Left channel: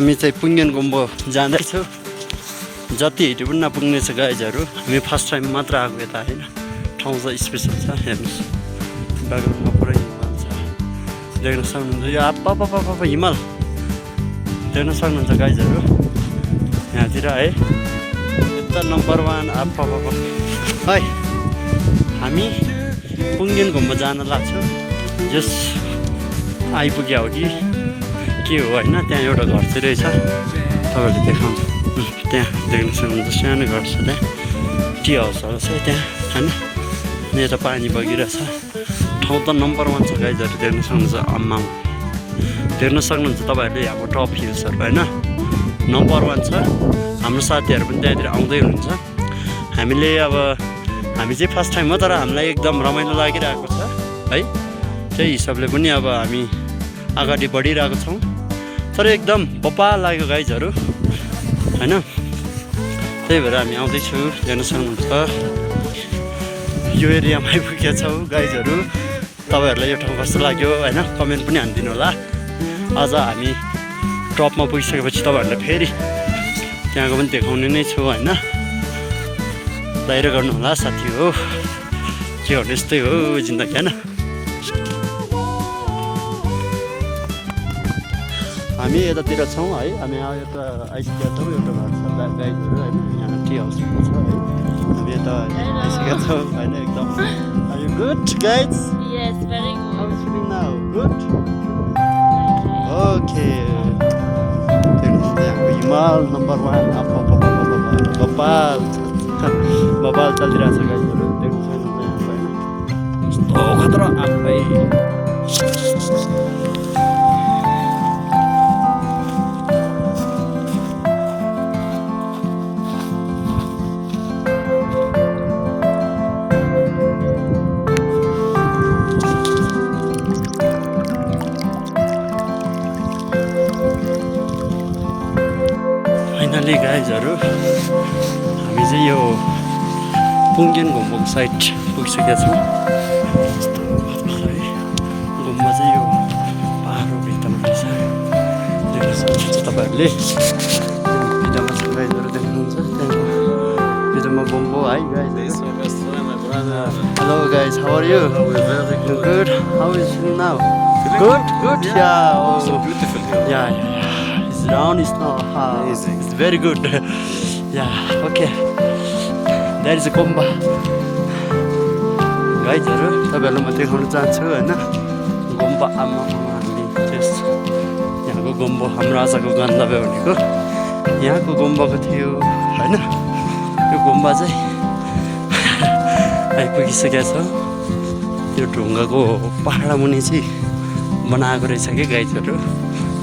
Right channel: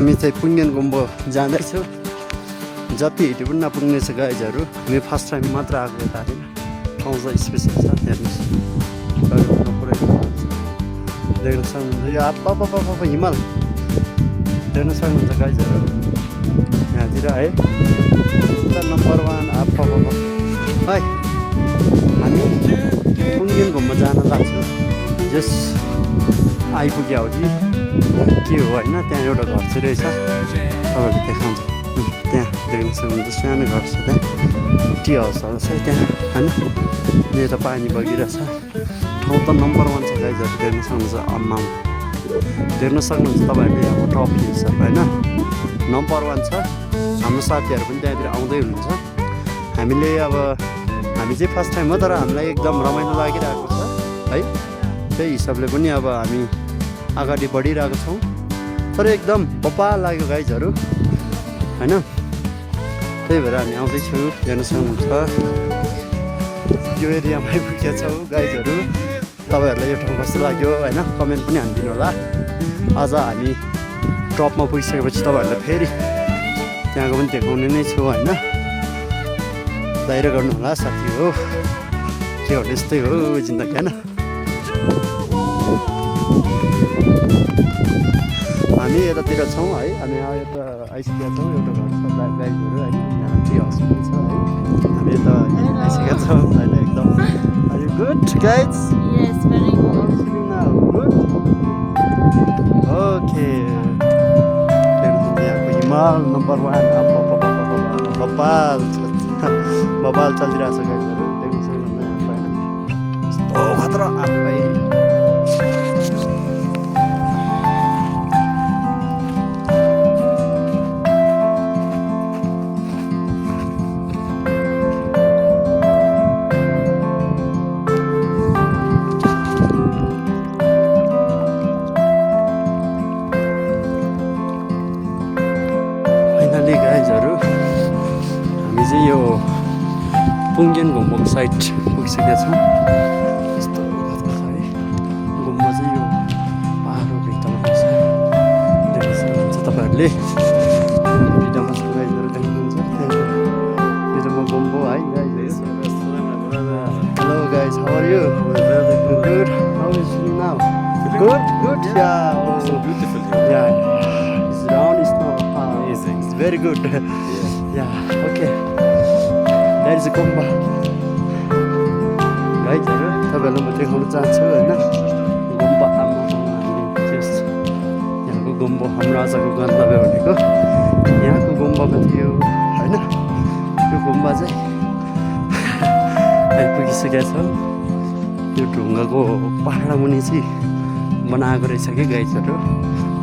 हामी चाहिँ पुङ्गेन गुम्बो जाँदैछौँ। जति हिँड्यो पनि नपुग्ने छ गाइजहरू। हामी फर्स्ट टाइम मात्र आएको यता होइन, ठाउँ चाहिँ स्पेसल छ। हेर्नुहोस् पुरै हिमाल छ, देख्न सक्नुहुन्छ। यो आप हिमाल देख्न सक्नुहुन्छ गाइजहरू यहाँतिर है। एकदम नम्बर 1 है। हामी पुङ्गेन गुम्बा जान लाग्छौँ। जस आइपुग्यो हो कि के हो होइन। त्यहाँ एउटा घर चाहिँ रहेछ, तपाईँहरूले देखाउँछ। त्यहाँ देख्न सक्नुहुन्छ सानो घर छ, त्यहाँ टी हाउसहरू छ त्यहाँ होइन। यता पानी बगिरहेछ। ठाउँ त नम्बर 1 छ गाइजहरू, देख्न सक्नुहुन्छ। आम्माम देख्न सक्नुहुन्छ तपाईँहरूले यहाँको टप हिल्सहरू होइन, नम्बर 1 छ। हाम्रो साथीहरू पनि त्यहाँतिर आउँदै हुनुहुन्छ। हामी चाहिँ फर्स्ट टाइम हो, तर हामीलाई एकदम रमाइलो लागिरहेको छ है। त्यही हिसाबले पनि अब हामी अगाडि बढिरहेको छौँ। तर एकदम बप्पा लाग्यो गाइजहरू होइन। त्यही भएर हामी आउँदैछु, हेर्न सक्नुहुन्छ। यो एरियामा आइपुगेका छौँ गाइजहरू। तपाईँहरूलाई यो ठाउँ कस्तो लाग्यो होइन, कमेन्ट पनि हानिदिनु होला। आज हामी टपमा पुगिसकेपछि तपाईँहरूलाई फेरि त्यहाँको पनि देखाउने नै छु होइन। दाइरो गर्नु होला साथी हो, के हो यस्तै हो जिन्दगी होइन। हामी यतातिर छौँ है। हामी यता आइसकेका छौँ। एउटा घर छ गाईहरू होइन, यहाँ टी हाउस पनि छ है। हामी यता आइसकेका छौँ होइन। एकदम are you good guys? Yes, very good. How are you feeling now? Good? Okay. यहाँको हिमाल नम्बर 1 बबाल चलिरहेको छ गाइजहरू, देख्न सक्नुहुन्छ यहाँको होइन। यस्तो खतरा आफै। फाइनली गाइजहरू हामी चाहिँ यो पुङ्गेन गुम्बाको साइड पुगिसकेका छौँ। यस्तो है गुम्बा चाहिँ यो पाहाडको भित्तामा रहेछ, देख्न सक्नुहुन्छ तपाईँहरूले। भित्तामा छ गाइजहरू, देख्नुहुन्छ त्यहाँको भित्तामा गुम्बो है गाइजहरू। Hello guys, how are you? Good. How is feeling now? Good. Yeah. Oh, so beautiful here. Yeah. It's round. It's not hard. It's very good. Yeah. Okay. That is a गुम्बा गाइजहरू। तपाईँहरूलाई म देखाउन चाहन्छु होइन। गुम्बा हामीले त्यस यहाँको गुम्बा हाम्रो आजको गन्तव्य भनेको यहाँको गुम्बाको थियो होइन। यो गुम्बा चाहिँ आइपुगिसकेका छ। यो ढुङ्गाको पहाड मुनि चाहिँ बनाएको रहेछ कि गाइजहरू।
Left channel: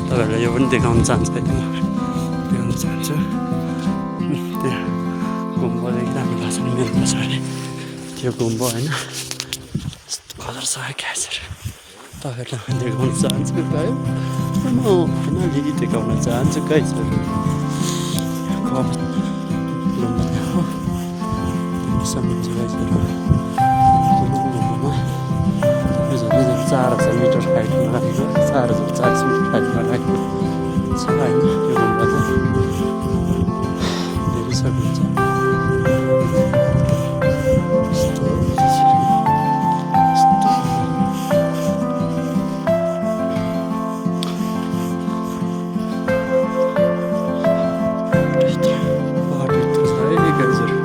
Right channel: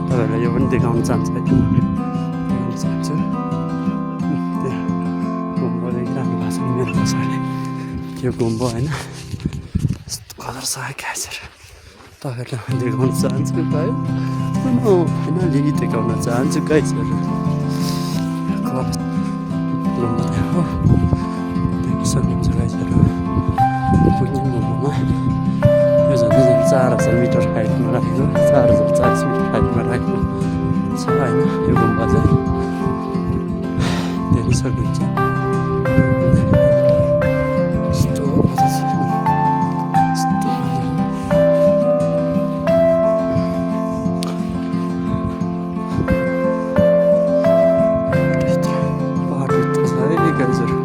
तपाईँहरूलाई यो पनि देखाउन चाहन्छु है, म देखाउन चाहन्छु। त्यहाँ गुम्बा देखिरहनु भएको छ मेरो पछाडि, त्यो गुम्बा होइन। यस्तो कलर छ गाइजहरू, तपाईँहरूलाई देखाउन चाहन्छु गाई। म अलिअलि देखाउन चाहन्छु गाइजहरू। गुम्बा हो सक्नुहुन्छ गाइजहरू। गुम्बामा यो झन् 4000 मिटर हाइटमा राखेको, 4400 मिटर हाइटमा राखेको छ होइन। यो गुम्बा चाहिँ धेरै सक्नुहुन्छ। पहाडभित्र छ है गाइजहरू।